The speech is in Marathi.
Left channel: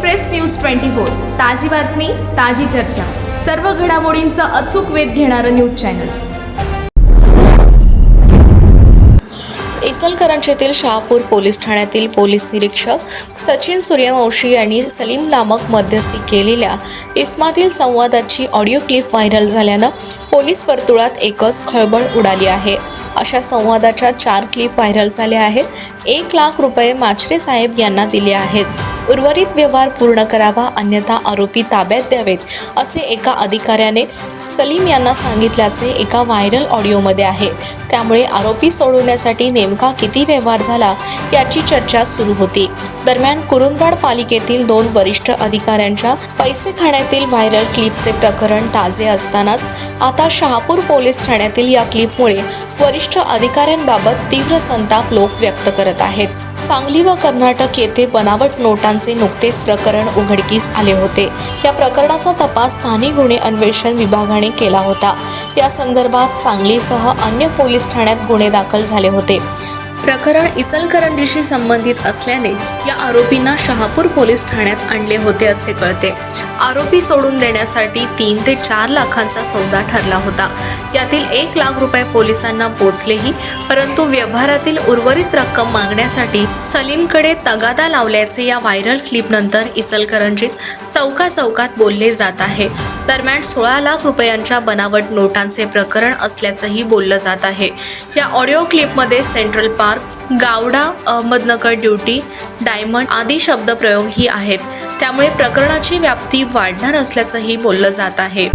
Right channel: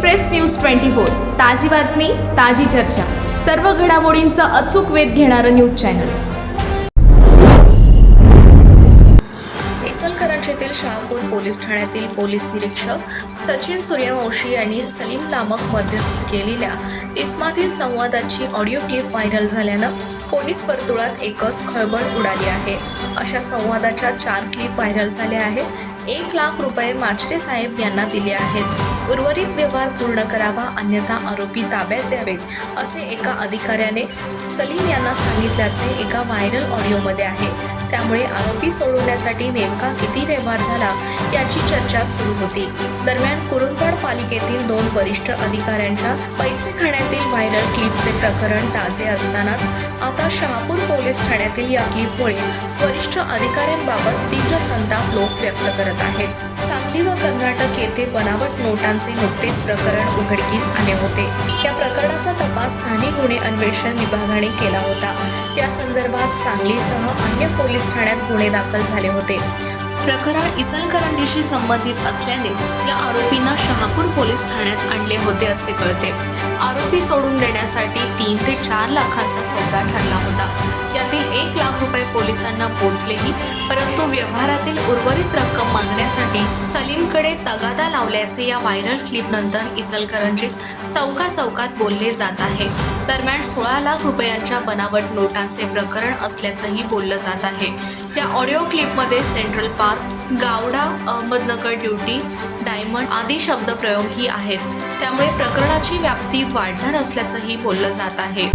एक्सप्रेस न्यूज ट्वेंटी फोर ताजी बातमी ताजी चर्चा. सर्व घडामोडींचा अचूक वेध घेणारं न्यूज चॅनल. इचलकरंजीतील शहापूर पोलीस ठाण्यातील पोलीस निरीक्षक सचिन सूर्यवंशी यांनी सलीम नामक मध्यस्थी केलेल्या इस्मातील संवादाची ऑडिओ क्लिप व्हायरल झाल्यानं पोलीस वर्तुळात एकच खळबळ उडाली आहे. अशा संवादाच्या चार क्लिप व्हायरल झाल्या आहेत. एक लाख रुपये माचरे साहेब यांना दिले आहेत. उर्वरित व्यवहार पूर्ण करावा अन्यथा आरोपी ताब्यात द्यावेत असे एका अधिकाऱ्याने सलीम यांना सांगितल्याचे एका व्हायरल ऑडिओमध्ये आहे. त्यामुळे आरोपी सोडवण्यासाठी नेमका किती व्यवहार झाला याची चर्चा सुरू होती. दरम्यान कुरुंदवाड पालिकेतील दोन वरिष्ठ अधिकाऱ्यांच्या पैसे खाण्यातील व्हायरल क्लिपचे प्रकरण ताजे असतानाच आता शहापूर पोलीस ठाण्यातील या क्लिपमुळे वरिष्ठ अधिकाऱ्यांबाबत तीव्र संताप लोक व्यक्त करत आहेत. सांगली व कर्नाटक येथे बनावट नोटांचे नुकतेच प्रकरण उघडकीस आले होते. या प्रकरणाचा तपास स्थानिक गुन्हे अन्वेषण विभागाने केला होता. या संदर्भात सांगलीसह अन्य पोलीस ठाण्यात गुन्हे दाखल झाले होते. प्रकरण इचलकरंजीशी संबंधित असल्याने या आरोपींना शहापूर पोलीस ठाण्यात आणले होते असे कळते. आरोपी सोडून देण्यासाठी तीन ते चार लाखांचा सौदा ठरला होता. यातील एक लाख रुपये पोलिसांना पोचलेही परंतु व्यवहारातील उर्वरित रक्कम मागण्यासाठी सलीमकडे तगादा लावल्याचे या व्हायरल क्लिपनंतर इचलकरंजीत चौका चौकात बोलले जात आहे. दरम्यान सोळा लाख रुपयांच्या बनावट नोटांचे प्रकरण असल्याचंही बोललं जात आहे. या ऑडिओ क्लिपमध्ये सेंट्रल पार्क गावडा अहमदनगर ड्युटी डायमंड आदी शब्दप्रयोगही आहेत. त्यामुळे प्रकरणाची व्याप्ती वाढणार असल्याचंही बोललं जात आहे.